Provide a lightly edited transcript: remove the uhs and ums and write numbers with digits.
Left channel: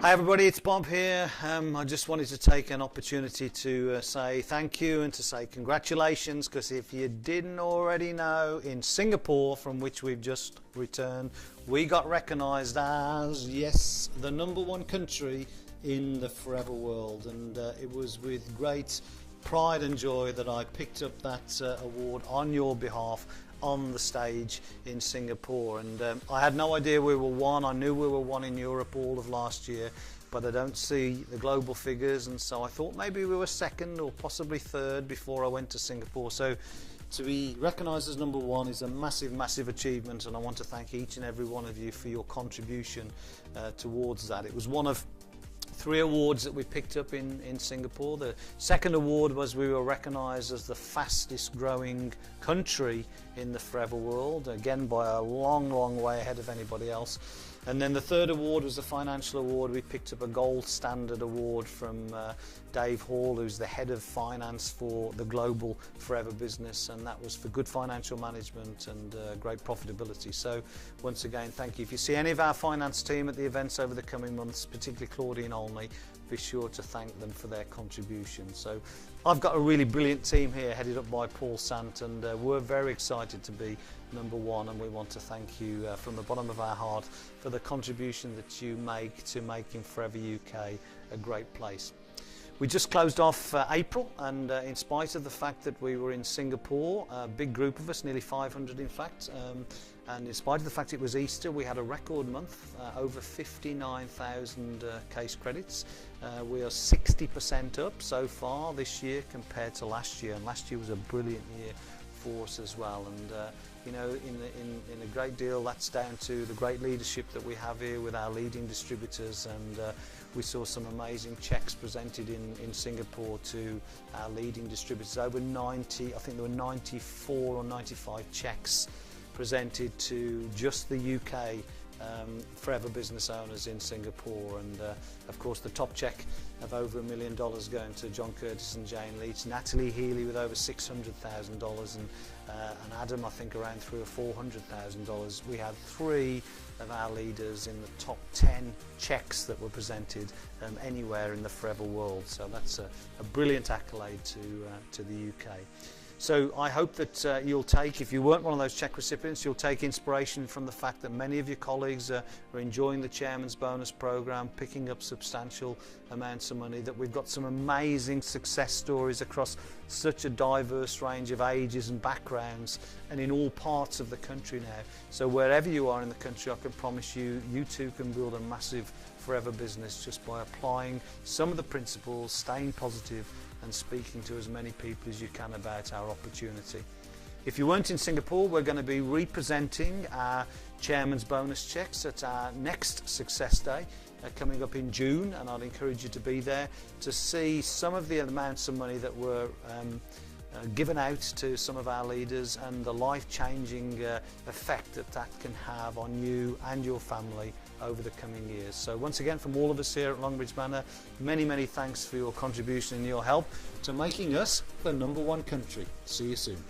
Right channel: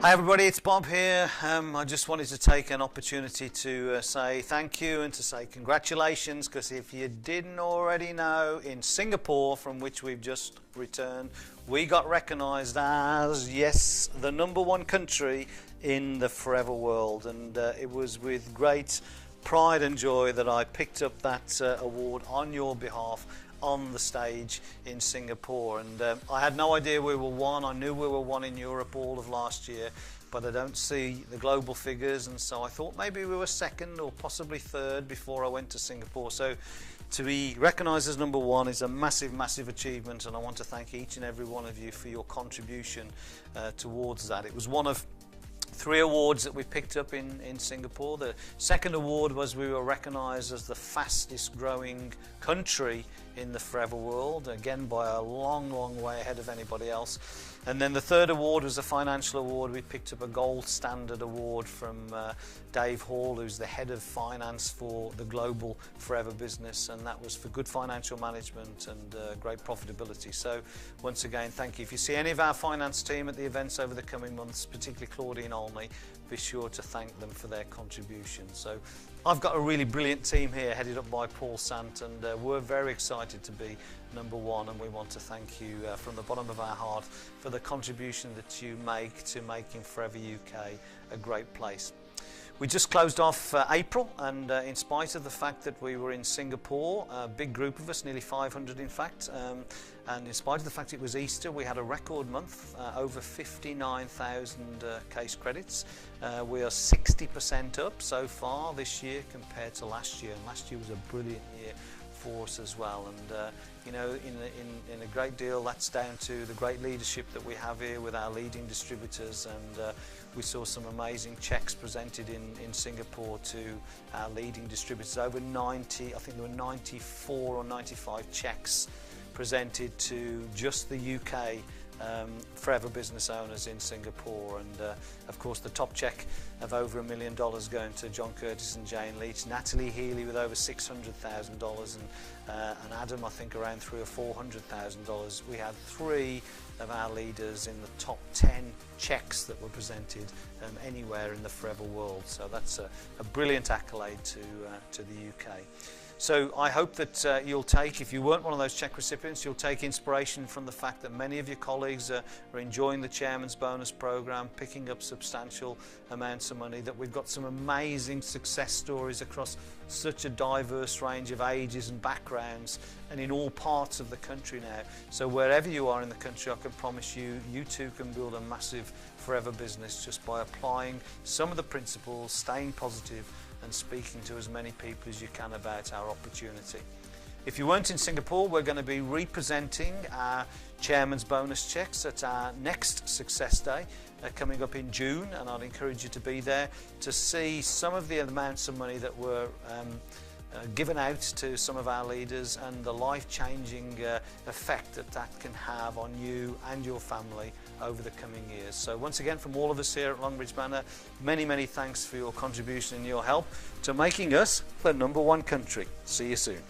Hi everybody, it's Bob here. I just wanted to take an opportunity to say thank you and to say congratulations, because if you didn't already know, in Singapore, from which we've just returned, we got recognised as, yes, the #1 country in the forever world, and it was with great pride and joy that I picked up that award on your behalf on the stage in Singapore. And I had no idea we were one. I knew we were one in Europe all of last year, but I don't see the global figures, and so I thought maybe we were second or possibly third before I went to Singapore. So to be recognised as #1 is a massive achievement, and I want to thank each and every one of you for your contribution towards that. It was one of 3 awards that we picked up in Singapore. The second award was we were recognised as the fastest growing country in the forever world, again by a long way ahead of anybody else. And then the third award was a financial award. We picked up a gold standard award from Dave Hall, who's the head of finance for the global forever business, and that was for good financial management and great profitability. So once again, thank you. If you see any of our finance team at the events over the coming months, particularly Claudine Olney, be sure to thank them for their contribution. So I've got a really brilliant team here headed up by Paul Sant, and we're very excited to be #1, and we want to thank you from the bottom of our heart for the contribution that you make to making Forever UK a great place. We just closed off April, and in spite of the fact that we were in Singapore, a big group of us, nearly 500 in fact, and in spite of the fact it was Easter, we had a record month, over 59,000 case credits. We are 60% up so far this year compared to last year, and last year was a brilliant year for us as well. And you know, in a great deal that's down to the great leadership that we have here with our leading distributors, and we saw some amazing checks presented in Singapore to our leading distributors. Over 90, I think there were 94 or 95 checks presented to just the UK forever business owners in Singapore, and of course the top check of over $1 million going to John Curtis and Jane Leach, Natalie Healy with over $600,000, and Adam I think around $300,000 or $400,000. We had 3 of our leaders in the top 10 checks that were presented anywhere in the forever world. So that's a brilliant accolade to the UK. So I hope that you'll take, if you weren't one of those cheque recipients, you'll take inspiration from the fact that many of your colleagues are enjoying the Chairman's Bonus Programme, picking up substantial amounts of money, that we've got some amazing success stories across such a diverse range of ages and backgrounds and in all parts of the country now. So wherever you are in the country, I can promise you, you too can build a massive forever business just by applying some of the principles, staying positive, and speaking to as many people as you can about our opportunity. If you weren't in Singapore, we're going to be representing our Chairman's Bonus checks at our next Success Day coming up in June, and I'd encourage you to be there to see some of the amounts of money that were given out to some of our leaders and the life-changing effect that can have on you and your family over the coming years. So once again, from all of us here at Longbridge Manor, many thanks for your contribution and your help to making us the #1 country. See you soon.